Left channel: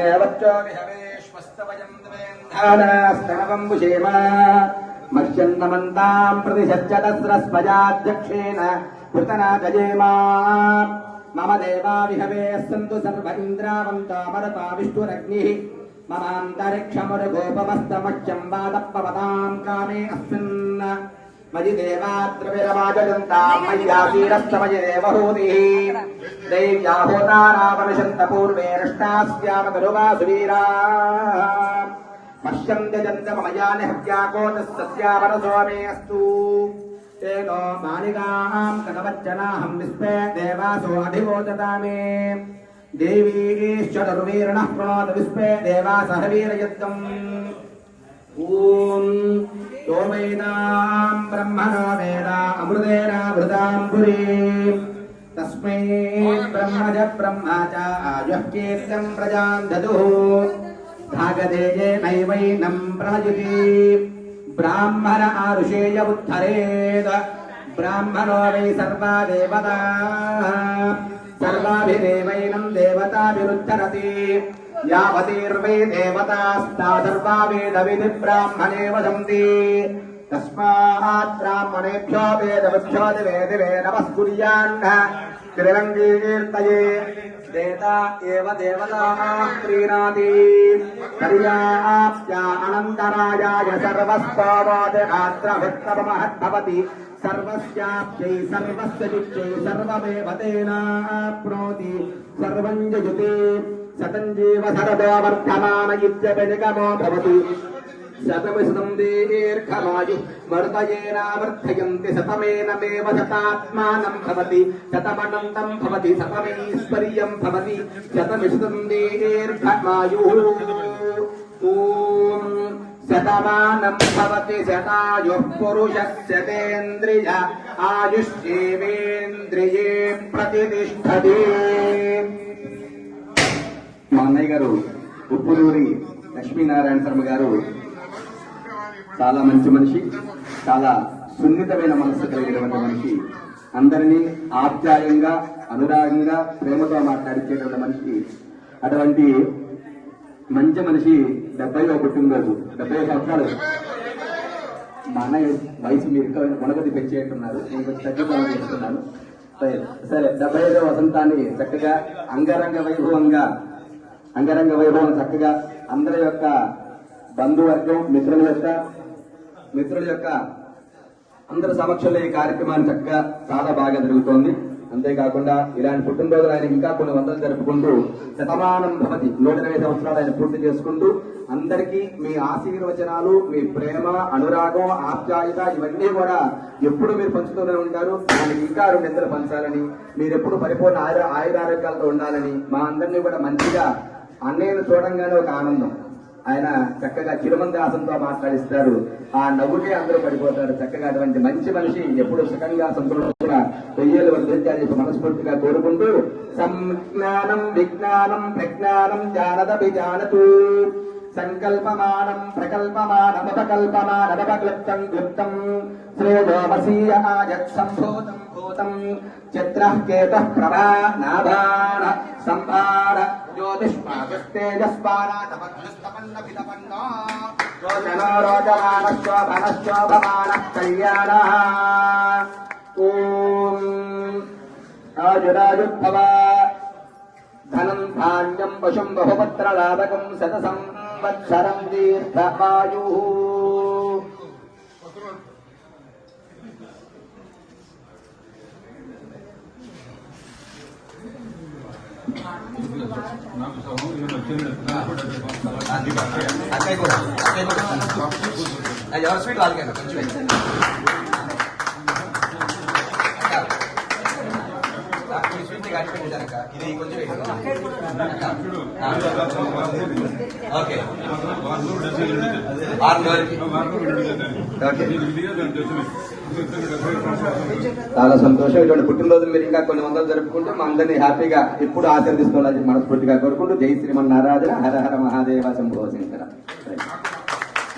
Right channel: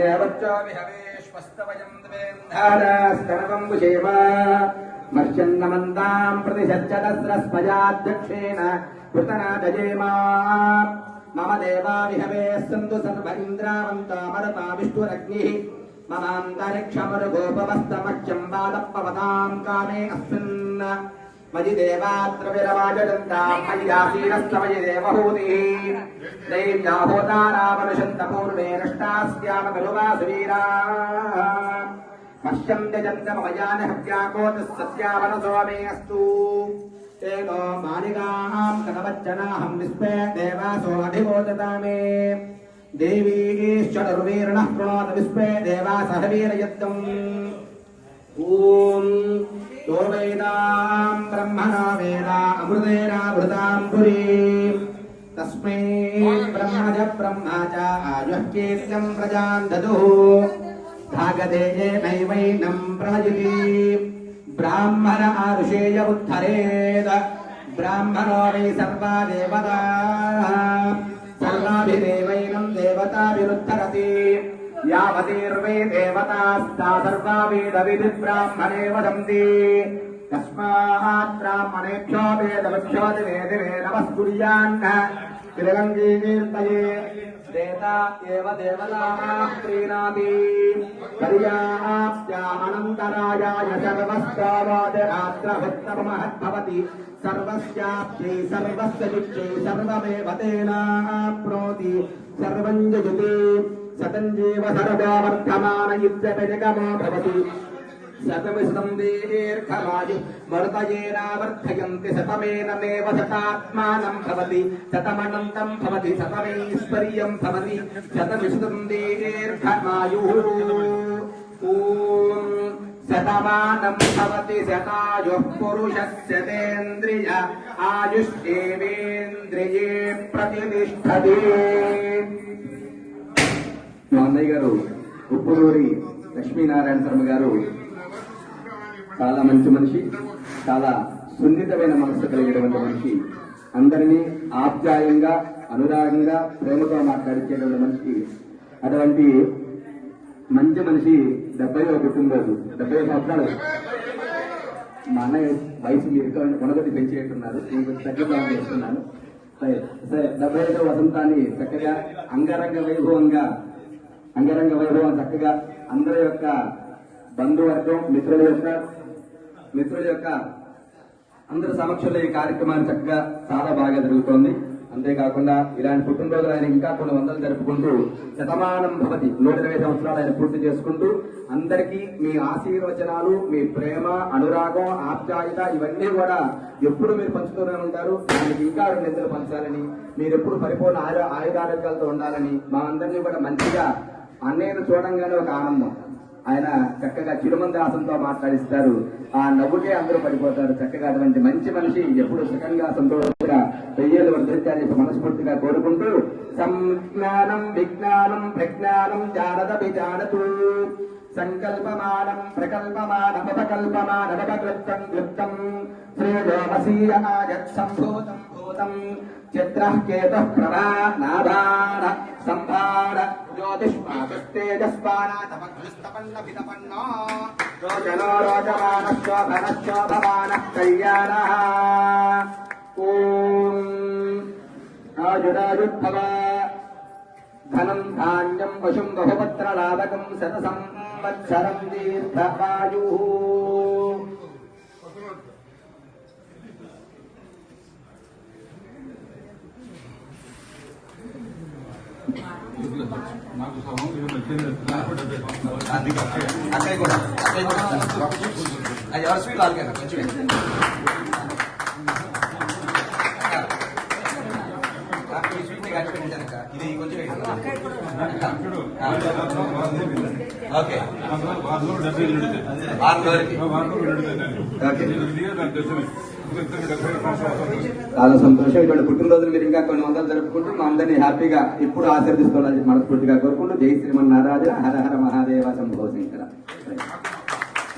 అగ్నేవచ్చో ప్రతి సజ్జతస్రస్మయాధ్యక్షేణ పుతనా గజేమా మమ దేవా విహవే సంతు సర్వ ఇంద్రావంతామరతా విష్ణురగ్నిः మమాంతరిక్షమురుగోపమస్తమచ్చం వాదప్పవతాం కామే అస్మిన్ మయి దేవాత్ర విరమాజయంతాం మయ్యాసీరస్తమయి దేవహూతిः देव्याहोरारामनिषन्तपूर्वेष्टास्यामगरुवासुवीरा पश्यन्ते चन्द्रमयानि हत्याको नस्सत्यावनसोमेऽस्तु तेनो मालिकाम् कनवच्चनाहम् विस्मे देवासो अधिवोचता मे देवीश्चतुर्वीरणः प्रणोद विस्मे देवासहवीरयत्तम् ॐ यो वेदाम् ब्रह्मणो वेदा अमृतेनामृताम् पुरीम् तस्मै ब्रह्म च ब्रह्म च आयुः कीर्त्यम् प्रजाम् ददुः भागधेयेनैवैनम् प्रणयति ब्राह्मण आरुषेय उद्धरेत् ब्राह्मणो वै सर्वा देवता सर्वाभिदेवैनम् देवताभिरुद्धरति यावतीर्वै देवतास्ता सर्वा वेदविधि ब्राह्मणे वदन्ति तस्मात् ब्राह्मणेभ्यो वेदवृभ्यो च वेदवे नमस्कुर्यान्न त्रिरङ्गीकीर्तये देता एव देवताः प्रीणाति पर्याप्त्या अनन्तरायाय सर्वस्तावादरात्रभक्तमहद्भवति सर्वस्याप्त्यै सर्वस्य नित्यै सर्वमेव तेनाप्नोति सर्वम् जयते शतञ्जीव सरदो वर्धमान इत्यपनिगमो भवति శతమిశతం దీర్ఘమాయు వర్తయేనావర్ధయంతి శతమేనమేవ శతాత్మానం భవతి శతమనంతం భవతి శతమైశ్వర్యం భవతి శతమిశతం దీర్ఘమాయు ఓం శతమానం భవతి శతాయు పురుష శతేంద్రియ ఆయుష్ేంద్రియే ప్రతిష్టది మా అన్నయ్య గారు ఉప్పులూరి లక్ష్మీనారాయణ శర్మ గారు చాలా మంచి మనిషి చాలా సున్నితమైన మనసు కలిగినటువంటి మనిషి. అందరినీ ఆప్యాయంగా అనురాగంగా ప్రేమతో మాట్లాడించేటువంటి మనిషి. అటువంటి మంచి మనిషి డెబ్బై పుట్టినరోజు డెబ్బై సంవత్సరాలు. మా అన్నయ్య వయసు మీరు కొనగది పెంచేట్టున్నారు నేను కొంచెం తగ్గిద్దామని చేస్తున్నాను సరే సరే డెబ్బై ఐదవ వసంతాన్ని చక్కగా అంగరంగ వైభవంగా అంగరంగ వైభవం చక్కగా అందరి యొక్క బంధువర్గం మిత్రుల యొక్క మిత్రుల యొక్క అందరి సమక్షంలో ఈ కార్యక్రమాన్ని చక్కగా చాలా బాగా జరుగుతోంది. అంతేకాకుండా ఇలాంటి పుట్టినరోజులు ఆయన ఇంకా కొన్ని వందలు జరుపుకుంటూ శతమానం భవతి. నూట ఇరవై సంవత్సరాలు ఆయన పూర్తి చేసుకుంటూ అందరికీ మీ ఆశీర్వచనాలు మీ ప్రేమ అనురాగం ఆప్యాయత ఇవన్నీ కూడా ఎప్పుడు మీరు పంచుతూనే ఉంటారు. ఆయనకి ఇంకా రెండు ఇద్దరు పంచాలని మీరు ఎప్పుడు పరిపూర్ణ ఆయుర ఆయురారోగ్యాలతో ఉండాలని మా అందరినీ కూడా మంచిగా అన్నయ్యను చూడంగానే ఒక ఆనందం. ఆయన చక్కగా చిరుమందాసంతో మాట్లాడిస్తారు. ఆ నవ్వుకే అందరూ పడిపోతారు. చక్కగా అటువంటి మంచి మనిషి ఎప్పుడు సుఖంగా సంతోషంగా పెయ్యేలు వర్ధించాలని చెప్పి మనస్ఫూర్తిగా కోరుకుంటూ సంజ్ఞానం విజ్ఞానం ప్రజ్ఞానం జానదపి విజానతు సంకల్పమానం ప్రకల్పమానమపకల్పమానమపక్లుప్తం క్లుప్తం శ్రేయోమసీయ ఆయత్ సంభూతం భూతం చిత్రః కేతః ప్రభా నాభాన సంభార జ్యోతిష్పాదస్తేజస్పారాతపన్నభితపన్నో రోచనో రోచమానశోభనశోభమానః కళ్యాణः. ఓం ఆజురాజుద్భవ ధనం ధాన్యం పశుం బహుపత్ర లాభకం శత సంవత్సరం దీర్ఘాయు అక్కయ్య కూడా అక్కయ్య కూడా అది ఎవరి స్వీట్ వాళ్ళకే ఇది కొంచెం ఓకే వారం వరకు చాలా సంతోషం. ఇటువంటి పుట్టినరోజులు మీరు ఇంకా కొన్ని వందలు జరుపుకుంటూ మా అందరినీ హ్యాపీగా ఎప్పుడు ఆశీర్దిస్తున్నారు మనస్ఫూర్తిగా కోరుకుంటూ జై శ్రీమన్నారాజ హర హర మహాదేవ సంభవ